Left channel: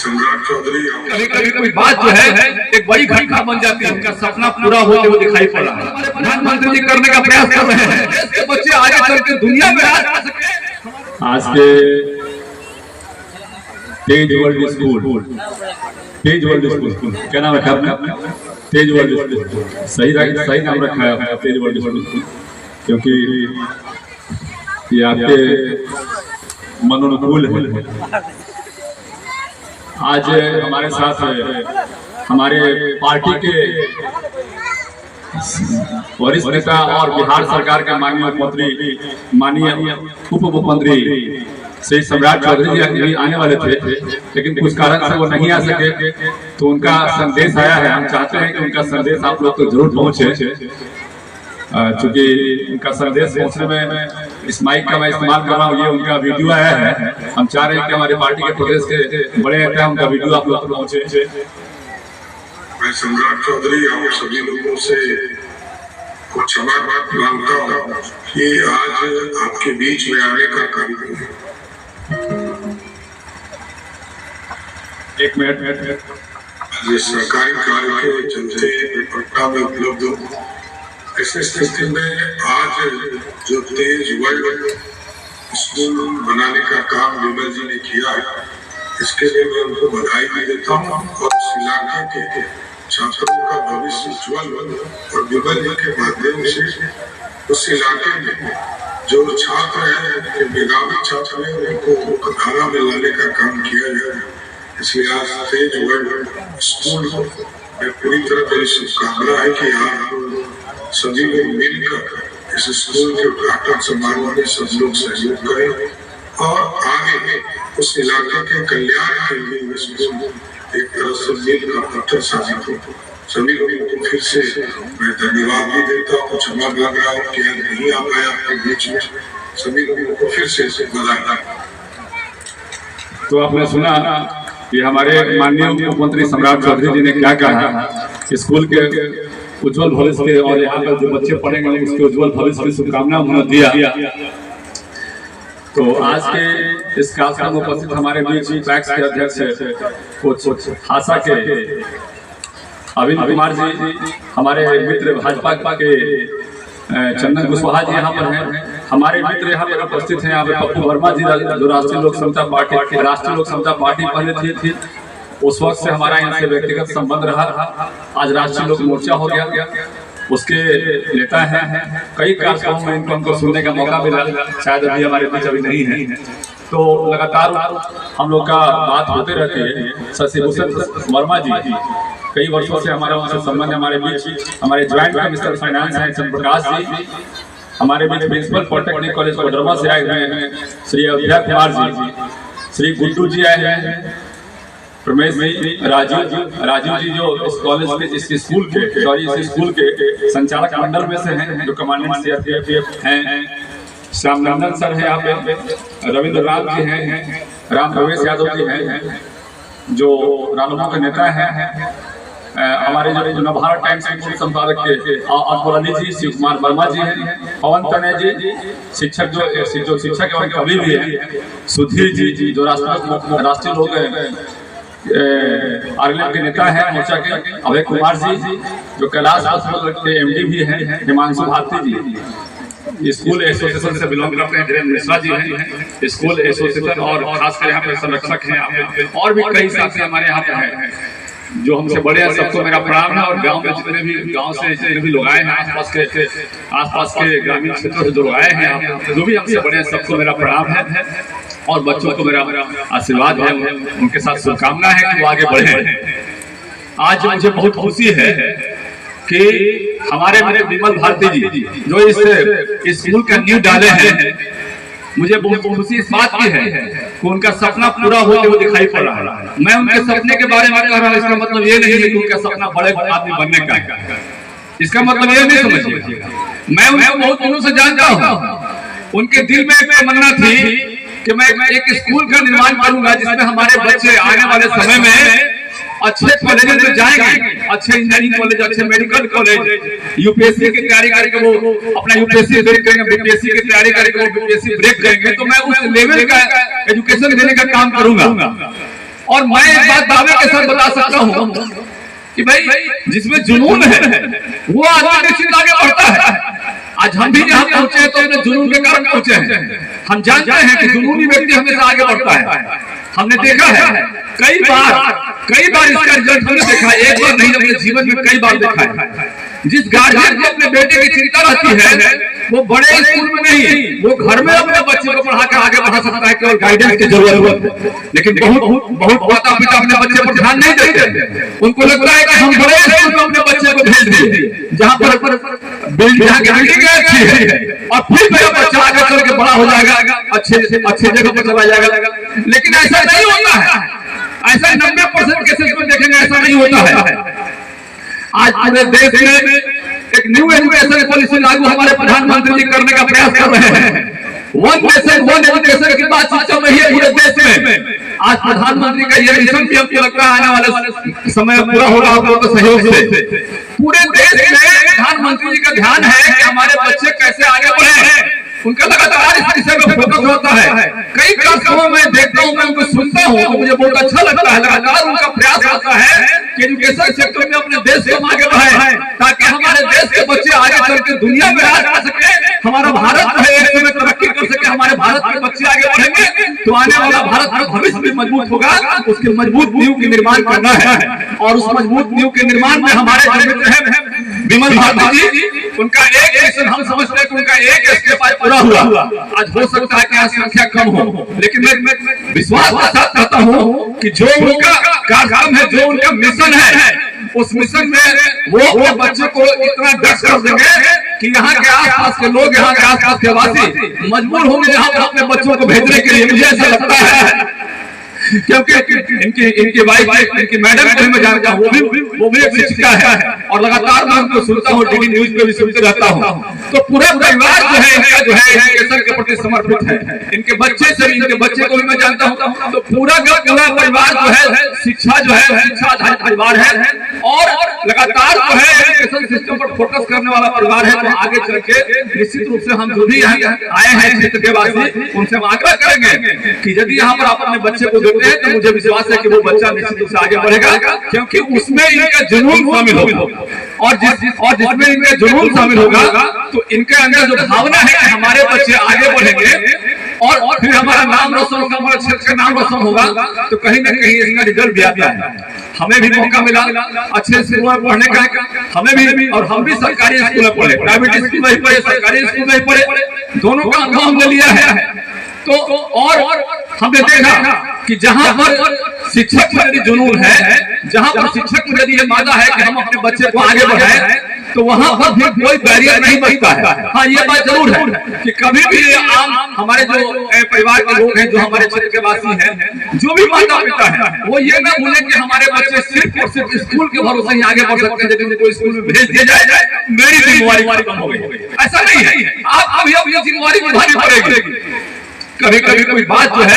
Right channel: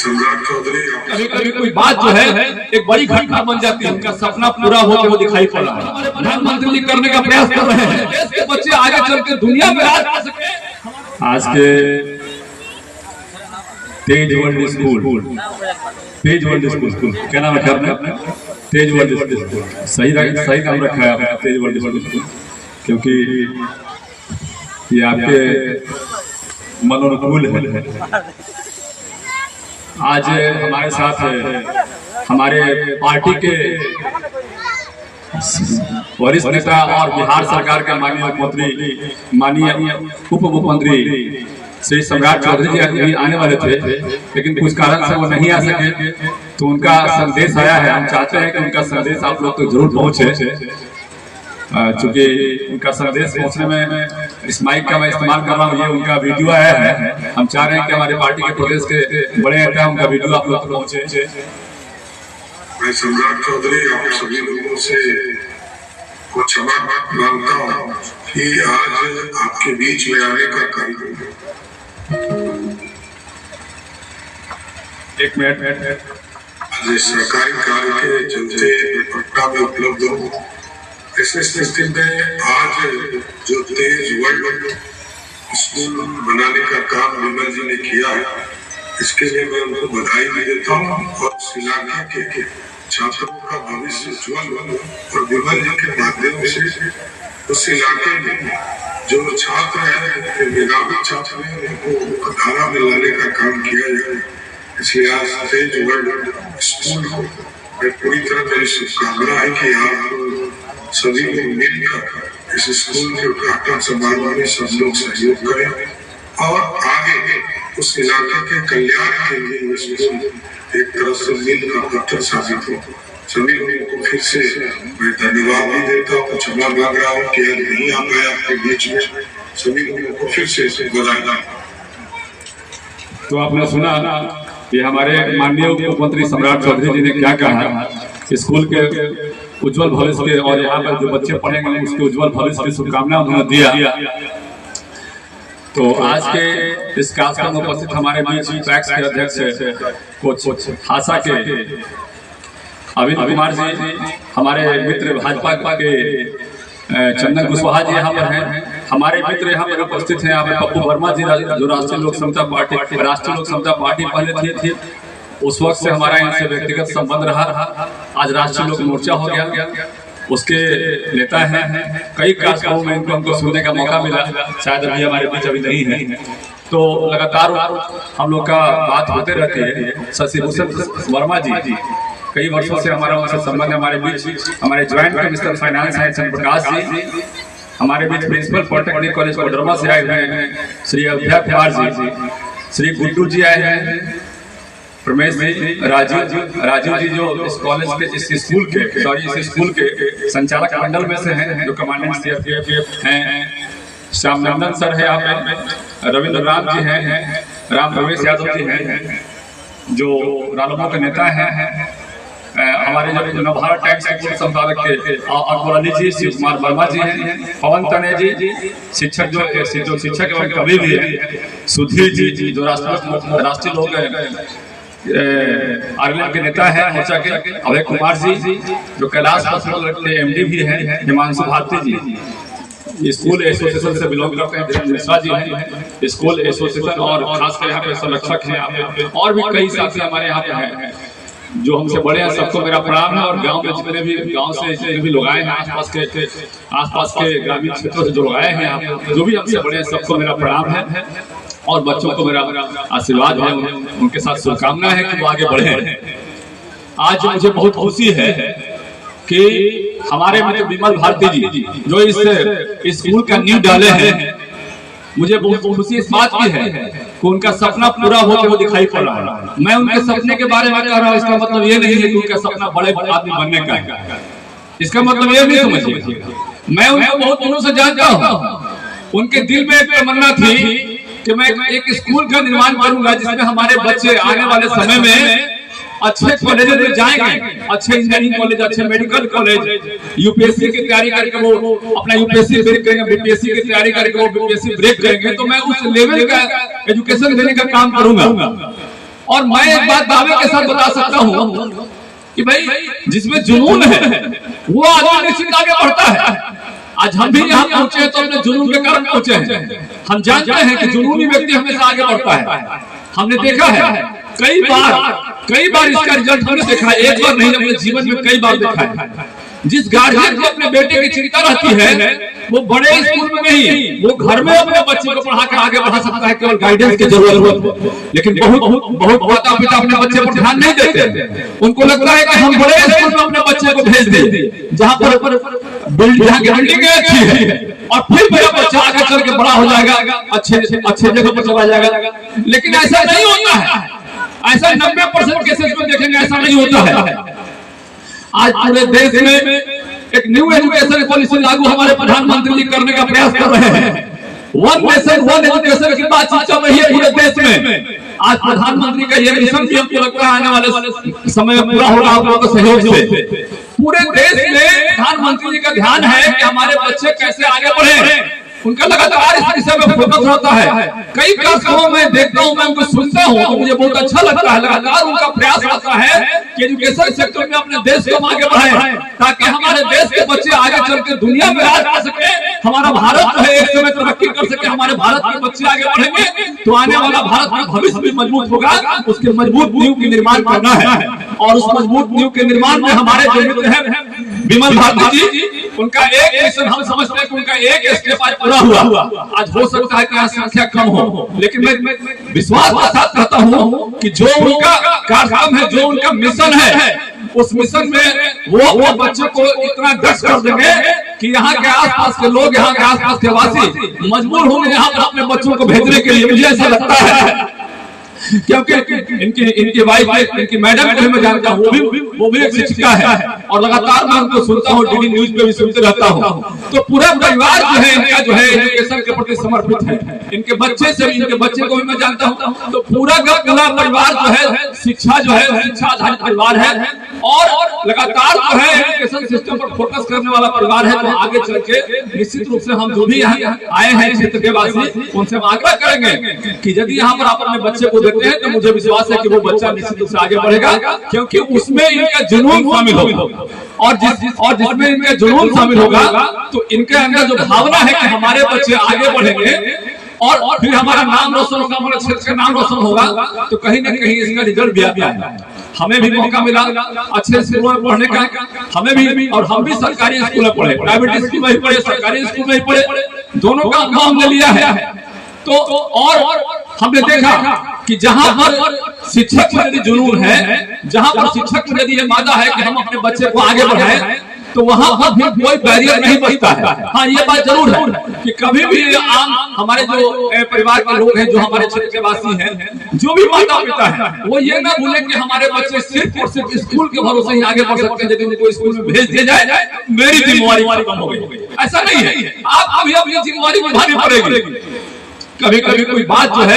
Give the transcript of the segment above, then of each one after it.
सम्राट चौधरी कभी कभी कोई बात जो है एक बड़ी घटना बन जाती है, उनका सपना पूरा होते हुए दिखाई पड़ रहा है। प्रधानमंत्री जी करने का प्रयास कर रहे हैं, देश के बच्चे आगे चल के दुनिया में राज कर सके। आज के तेज वर्ल्ड स्कूल, तेज वर्ल्ड स्कूल क्या नाम रखा आपने? तेज वर्ल्ड स्कूल, सही नाम रखा है आपने, तेज वर्ल्ड स्कूल, क्योंकि ये आपके मनोनुकूल है। आज हमारे साथ हमारे पार्टी के वरिष्ठ नेता और बिहार सरकार के माननीय मुख्यमंत्री, माननीय उप मुख्यमंत्री श्री सम्राट चौधरी जी आने वाले थे, लेकिन कुछ कारण से वो नहीं आ सके, तो उनका संदेश आया है। हम चाहते हैं कि उनका संदेश आप लोग तो जरूर पहुंचे, चूंकि उनका संदेश पहुंचने में इस माइक का मैं इस्तेमाल कर रहा हूँ। ये उनका वीडियो आया है, हम चाह रहे हैं कि हमारे पार्टी के प्रदेश के बड़े नेता उनका वीडियो आप लोग तक पहुंचे। मैं सम्राट चौधरी आप सभी लोगों से को क्षमा मांगता हूँ कि आज आपके बीच में आने का कारण एक मिनट आज सरकारी कार्य के चलते पटना में उपलब्ध हो, ऐसे स्थिति में आज जो तेज वर्ल्ड स्कूल बनाने का काम विमल जी ने किया है, इसके लिए मैं उनको बधाई भी देता हूँ और इस इलाके के छात्रों का भविष्य उज्ज्वल और विमल जी के माध्यम से उस इलाके में जो छात्र हैं, मेधावी छात्र हैं, उनको धारा में लाने का काम किया जाए। इसलिए आज तेज वर्ल्ड स्कूल को मैं पूरी तरह मेरी शुभकामना है कि आप सभी लोग मिलकर इस स्कूल के उद्घाटन समारोह में सब लोग सहयोग करें और आगे उस इलाके के कल्याण के लिए स्कूल एक तरह से मील का पत्थर साबित हो। सभी लोगों को फिर से मैं धन्यवाद भी देता हूँ, क्षमा मांग रहा हूँ कि आज नहीं आ पाया आपके बीच में। सभी लोगों को फिर से बधाई। तो आपने सुना ये हमारे माननीय मुख्यमंत्री सम्राट चौधरी जी ने क्या कहा, स्कूल के उज्जवल भविष्य के और यहाँ पर जो बच्चे पढ़ेंगे उसके उज्जवल भविष्य की शुभकामना उन्होंने दिया। तो आज के इस कार्यक्रम में उपस्थित हमारे बीच पैक्स के अध्यक्ष कोच हासा के अविन कुमार जी, हमारे मित्र भाजपा के चंदन कुशवाहा जी यहाँ पर हैं, हमारे मित्र यहाँ पर उपस्थित हैं, यहाँ पे पप्पू वर्मा जी जो राष्ट्रीय लोक समता पार्टी पहले थी, उस वक्त से हमारा इनसे व्यक्तिगत संबंध रहा। आज राष्ट्रीय लोक मोर्चा हो गया, उसके नेता हैं। कई कार्यक्रमों में हमको सुनने का मौका मिला, शायद अभी हमारे बीच अभी नहीं है, तो लगातार हम लोग का बात होते रहती है। शशि भूषण वर्मा जी कई वर्षों से हमारा उनसे संबंध, हमारे बीच हमारे ज्वाइंट मिनिस्टर फाइनेंस हैं चंद्र प्रकाश जी, हमारे बीच प्रिंसिपल पॉलिटेक्निक कॉलेज कोडरमा से आए हुए हैं श्री अभ्या कुमार जी, श्री गुड्डू जी आए हैं, प्रमेश जी, राजीव जी जो इस कॉलेज के इस स्कूल के संचालक मंडल में से हैं, जो कमांडेंट सीआरपीएफ हैं, श्यामनंदन सर है यहाँ पे, रविंद्र राम जी हैं, राम प्रवेश यादव जी हैं जो रालोपा के नेता हैं, हमारे जो नवभारत टाइम्स के संपादक के अकबर अली जी, शिव कुमार वर्मा जी हैं, पवन तने जी शिक्षक जो शिक्षक एवं कवि भी हैं, सुधीर जी जो राष्ट्रीय लोग आरएलएफ के नेता हैं मोर्चा के, अभय कुमार जी जो कैलाश हॉस्पिटल के एमडी भी हैं, हिमांशु भारती जी स्कूल एसोसिएशन से बिलोंग करते हैं, धीरेन्द्र मिश्रा जी हैं स्कूल एसोसिएशन और खासकर यहाँ पे संरक्षक हैं, और भी कई साथी हमारे यहाँ पे हैं जो हमसे बड़े हैं। सबको मेरा प्रणाम है। और गांव में जितने भी लोग आए हैं, आसपास के ग्रामीण क्षेत्रों से जो लोग आए हैं, जो भी हमसे बड़े हैं, सबको मेरा प्रणाम है और बच्चों को मेरा आशीर्वाद है, उनके साथ शुभकामना है कि वो आगे बढ़े। आज मुझे बहुत खुशी है कि हमारे मेरे विमल भारती जी जो इस स्कूल का नींव डाले हैं, मुझे बहुत खुशी इस बात की है कि उनका सपना पूरा होते हुए दिखाई पड़ रहा है। मैं उनके सपने के बारे में कह रहा हूँ, इसका मतलब ये नहीं है कि उनका सपना बड़े आदमी बनने का, इसका मतलब ये नहीं समझिए। मैं उनको बहुत दिनों से जानता हूँ, उनके दिल में एक तमन्ना थी कि मैं एक स्कूल का निर्माण करूंगा जिसमें हमारे बच्चे आने वाले समय में अच्छे कॉलेज में जाएंगे, अच्छे इंजीनियरिंग कॉलेज, अच्छे मेडिकल कॉलेज, यूपीएससी की तैयारी करके वो अपना यूपीएससी ब्रेक करेंगे, बीपीएससी की तैयारी करके वो बीपीएससी ब्रेक करेंगे, तो मैं उस लेवल का एजुकेशन देने का काम करूंगा। और मैं एक बात दावे के साथ बता सकता हूँ कि भाई जिसमें जुनून है वो आदमी निश्चित आगे बढ़ता है। आज हम भी यहाँ पहुंचे तो अपने जुनून के कारण पहुंचे हैं। हम जानते हैं कि जुनूनी व्यक्ति हमेशा आगे बढ़ता है। हमने देखा है कई बार इसका रिजल्ट हमने देखा है, एक बार नहीं अपने जीवन में कई बार देखा है। जिस गार्जियन को अपने बेटे की चिंता रहती है वो बड़े स्कूल में नहीं, वो घर में अपने बच्चे को पढ़ा के आगे बढ़ा सकता है, केवल गाइडेंस की जरूरत है। लेकिन बहुत माता पिता अपने बच्चे पर ध्यान नहीं देते। उनको लगता है कि हम बड़े स्कूल में अपने बच्चे को भेज दें जहाँ पर बिल्डिंग अच्छी है और फिर मेरा बच्चा आगे चल के बड़ा हो जाएगा, अच्छे जगह पर चला जाएगा। लेकिन ऐसा नहीं होता है। ऐसा 90% केसेस में देखेंगे ऐसा नहीं होता है। आज पूरे देश में एक न्यू एजुकेशन पॉलिसी लागू हमारे प्रधानमंत्री जी करने का प्रयास कर रहे हैं। वन नेशन वन एजुकेशन की बातचीत चल रही है पूरे देश में। आज प्रधानमंत्री का ये मिशन भी हमको लगता है आने वाले समय पूरा होगा आप लोगों के सहयोग से। पूरे देश में प्रधानमंत्री जी का ध्यान है कि हमारे बच्चे कैसे आगे बढ़े। उनका लगातार इस विषय में फोकस होता है। कई कार्यक्रमों में देखता हूँ, मैं उनको सुनता हूँ तो मुझे बहुत अच्छा लगता है। लगातार उनका प्रयास रहता है कि एजुकेशन सेक्टर में अपने देश को आगे बढ़ाएं ताकि हमारे देश के बच्चे आगे चल के दुनिया में राज कर सके। हमारा भारत जो है एक समय तरक्की कर सके। हमारे भारत के बच्चे आगे बढ़ेंगे तो आने वाला भारत का भविष्य भी मजबूत होगा। उसके मजबूत नींव की निर्माण करना है और उस मजबूत नींव के निर्माण में हमारे जो मित्र हैं विमल भारती जी, उनका एक मिशन हम समझते हैं कि उनका एक स्टेप आज पूरा हुआ। आज हो सकता है कि आज संख्या कम हो, लेकिन मैं विश्वास के साथ कहता हूँ कि जो उनका कार्यक्रम है, जो उनका मिशन है, उस मिशन में वो अपने बच्चे को इतना दक्ष कर देंगे कि यहाँ के आसपास के लोग, यहाँ के आसपास के वासी मजबूर होंगे यहाँ पर अपने बच्चों को भेजने के लिए। मुझे ऐसा लगता है क्योंकि इनकी वाइफ, इनकी मैडम को मैं जानता हूँ, वो भी एक शिक्षिका है और लगातार मैं उनको सुनता हूँ, डीडी न्यूज पे भी सुनते रहता हूँ। तो पूरा परिवार जो है इनका जो है एजुकेशन के प्रति समर्पित है। इनके बच्चे से भी, इनके बच्चे को भी मैं जानता हूँ। तो पूरा परिवार जो है शिक्षा आधारित परिवार है और लगातार जो है एजुकेशन सिस्टम पर फोकस करने वाला परिवार है। तो आगे चल के निश्चित रूप से हम जो भी आए हैं क्षेत्र के वासी, उनसे हम आग्रह करेंगे कि यदि यहाँ पर आप अपने बच्चे को देते हैं तो मुझे विश्वास है कि वो बच्चा निश्चित रूप से आगे बढ़ेगा, क्योंकि उसमें इनका जुनून शामिल होगा। और जिसमें इनका जुनून शामिल होगा तो इनके अंदर जो भावना है कि हमारे बच्चे आगे बढ़ेंगे और फिर हमारा नाम रोशन होगा, हमारे क्षेत्र का नाम रोशन होगा, तो कहीं ना कहीं इसका रिजल्ट भी आता है। हमें भी मौका मिला अच्छे स्कूलों में पढ़ने का, हमें भी, और हम भी सरकारी स्कूल में पढ़े, प्राइवेट स्कूल में ही पढ़े, सरकारी स्कूल में ही पढ़े, दोनों का अनुभव हमने लिया है। तो और हमने देखा कि जहां पर शिक्षक में यदि जुनून है, जहां पर शिक्षक में यदि ये मादा है कि हम अपने बच्चे को आगे बढ़ाएं, तो वहां पर भी कोई बैरियर नहीं बनता है। हाँ, ये बात जरूर है कि कभी भी आम हमारे जो परिवार के लोग हैं, जो हमारे क्षेत्र के वासी हैं, जो भी माता पिता है, वो ये ना भूले कि हमारे बच्चे सिर्फ और सिर्फ स्कूल के भरोसे ही आगे बढ़ सकते हैं। यदि उनको स्कूल में भेज दिया जाए, मेरी जिम्मेवारी कम हो गई, ऐसा नहीं है। आप अभी अपनी जिम्मेवारी निभानी पड़ेगी। कभी कभी कोई बात जो है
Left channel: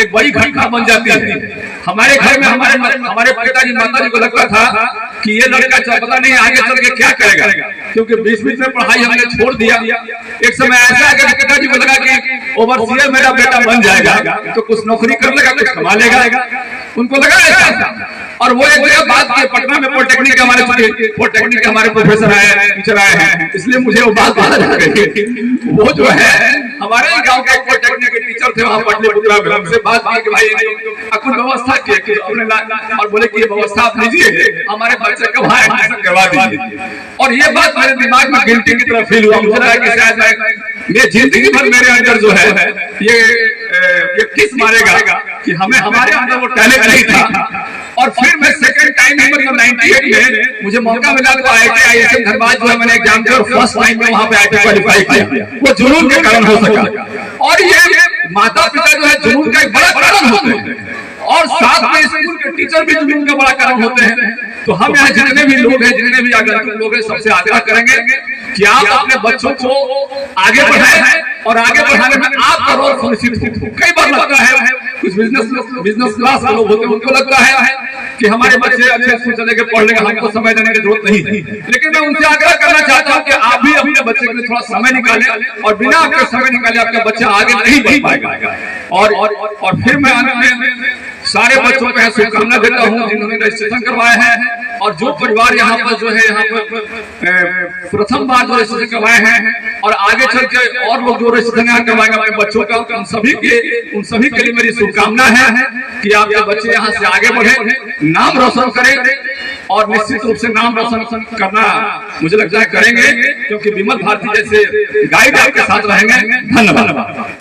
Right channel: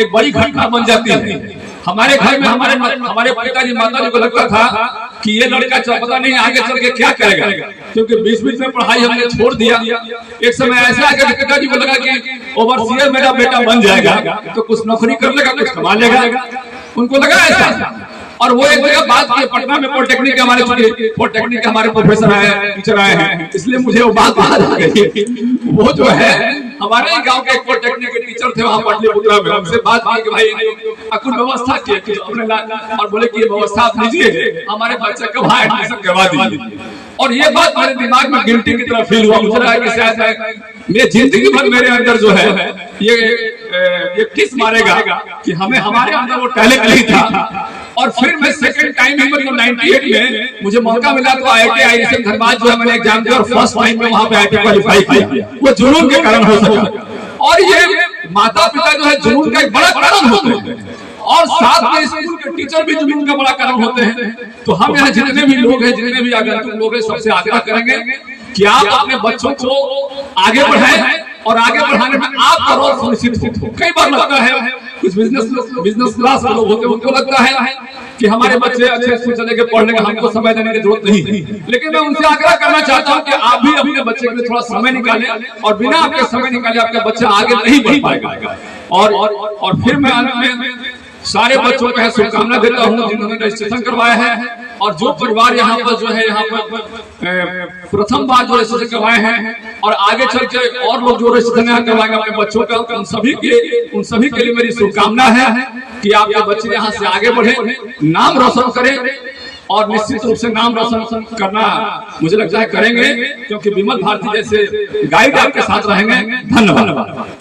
एक बड़ी घटना बन जाती है। हमारे घर में हमारे पिताजी माताजी को लगता था कि ये लड़का पता नहीं आगे चल के क्या करेगा, क्योंकि 20 में पढ़ाई हमने छोड़ दिया। एक समय ऐसे आकर पिताजी को लगा कि ओवरसीयर मेरा बेटा बन जाएगा तो कुछ नौकरी कर लेगा, कुछ कमा लेगा, उनको लगा ऐसा। और वो एक जगह बात की, पटना में पॉलिटेक्निक के हमारे प्रोफेसर है, टीचर आए हैं, इसलिए मुझे वो बात याद आ गई। वो जो है हमारे गांव के एक पॉलिटेक्निक के टीचर थे वहां पाटलिपुत्रा में, उनसे बात की कि भाई कुछ व्यवस्था की और बोले कि ये व्यवस्था आप लीजिए, हमारे बच्चे को वहां एडमिशन करवा दीजिए। और ये बात मेरे दिमाग में गिल्टी की तरह फील हुआ। मुझे लगा कि शायद ये जिंदगी भर मेरे अंदर जो है ये किस मारेगा कि हमें हमारे अंदर वो टैलेंट नहीं था। और फिर मैं सेकंड टाइम ही मतलब 98 में मुझे मौका मिला तो IISM धनबाद जो है मैंने एग्जाम दिया और फर्स्ट टाइम में वहां पे IIT क्वालिफाई किया। वो जुनून के कारण हो सका। और ये माता पिता जो है जुनून का एक बड़ा कारण होते हैं और साथ में स्कूल के टीचर भी जुनून का बड़ा कारण होते हैं। तो हम यहाँ जितने भी लोग हैं, जितने भी आगंतुक लोग हैं, सबसे आग्रह करेंगे कि आप अपने बच्चों को आगे बढ़ाएं और आगे बढ़ाने में आपका रोल सुनिश्चित हो। कई बार लगता है कुछ बिजनेस क्लास के लोग होते हैं, उनको लगता है कि हमारे बच्चे अच्छे स्कूल चले गए, पढ़ लेंगे, हमको समय देने की जरूरत नहीं है। लेकिन मैं उनसे आग्रह करना चाहता हूँ कि आप भी अपने बच्चे के लिए थोड़ा समय निकालें और बिना आपके समय निकाले आपका बच्चा आगे नहीं बढ़ पाएगा। और फिर मैं सारे बच्चों को शुभकामना देता हूँ जिन्होंने रजिस्ट्रेशन करवाया है, और जो परिवार यहाँ पर जो है यहाँ पर प्रथम बार जो रजिस्ट्रेशन करवाए हैं और आगे चल के और लोग जो रजिस्ट्रेशन यहाँ करवाएंगे अपने बच्चों का, उन सभी के लिए मेरी शुभकामना है कि आपके बच्चे यहाँ से आगे बढ़े, नाम रोशन करें, और निश्चित रूप से नाम रोशन करना मुझे लगता है करेंगे, क्योंकि विमल भारती जैसे गाइड आपके साथ रहेंगे। धन्यवाद।